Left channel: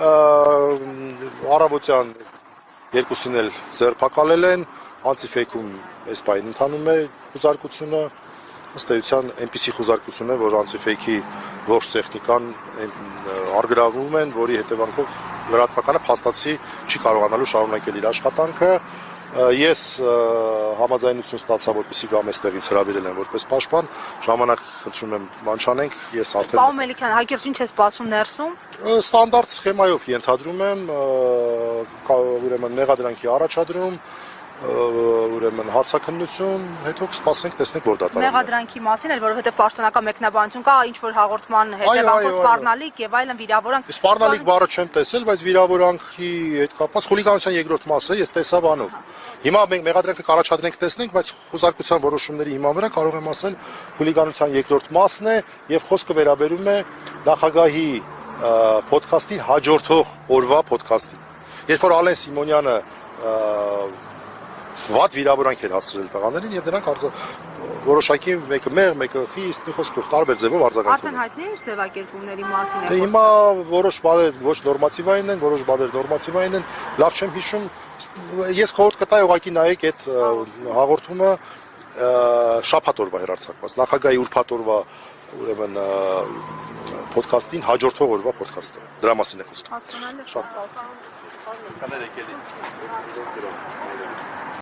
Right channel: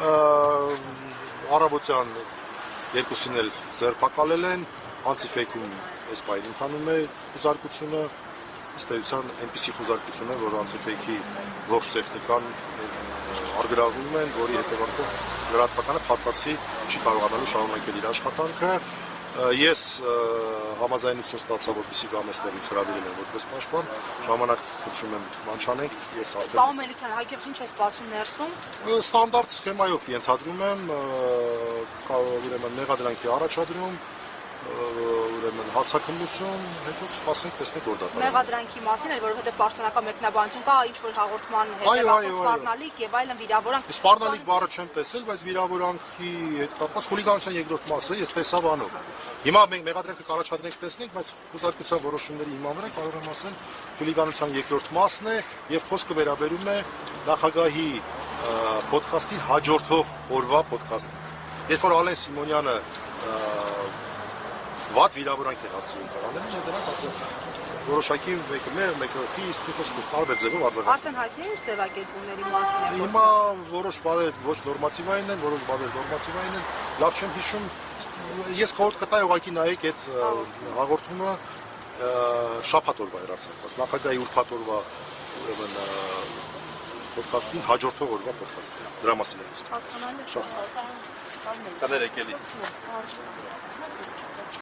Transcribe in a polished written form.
Արաբոցյան երկուսին էլ ձերբակալել են, անցիֆեյքում այս պահին ընթանում է խուզարկությունը, ըստ էության այնպիսի խուզարկություն է, որ անցիֆեյքի ողջ տեխնիկան արգրավում են, որի հետևանքով լրատվականը փաստացի չի կարողանալու շարունակել իր աշխատանքը։ Ես համաձայնություն ստացա, որպեսզի գամ այստեղից հրավիրել եմ որպես պաշտպան, ժամանակ խնդրում եմ բան չանենք, ես արդեն Պարոն Մելիքյան, հակիրճ ինչ է սպասում ներսում։ Ստանդարտ սխեմայով ենթադրում եմ, ուրեմն մեղադրանքի առաջադրում, ուրեմն հարցաքննություն, հետո կսպասենք, տեսնենք որ դատարանում է։ Մեղադրանքի մասին էլ, որովհետև պաշտոնական մեկնաբանություն կա, ինչ որ հաղորդման հետևանքով սպառնալիք եւ այլն վիրավորանք։ Սպառնալիք բառը չեմ տեսել, բայց վիրավորանքի հետ կապված խուլիգանության երկրորդ մասը ես տեսա բանով։ Հիմա մենք մեղադրանքը կառաջադրենք տեսնենք, բայց խուզարկության որոշումների հիման վրա կարող եմ ասել խուլիգանության երկրորդ մասն է եւ խոսքը վերաբերում է նախագահի ոդքասթին հաջորդող օրվա ոդքասթին։ Երբ որ Ալեն Սիմոնյանը վատ վիրավորանք էր հասցրել տղաներին եւ դրանք որոշակի մեկը մեղ, մեկը խիստ, մի խոսքով տարբեր ձևով արձագանքում։ Արդեն հայտնի է ձևակերպումների մասին։ Դե հիմա որոշ բաներ ոչ նորմատիվային են, որոշ բաներ նորմատիվային են, լավ չեմ հիշում, ես խորհուրդ կտայի ուղղակի նայեք այդ հաղորդումը շաբաթ օրվա հեռարձակված, նախագահի ուրբաթ օրվա ուրեմն ոդքասթին հաջորդող օրվա ոդքասթը։ Դրա մասին է խոսքը։ Շատ։ Կներեք էլի։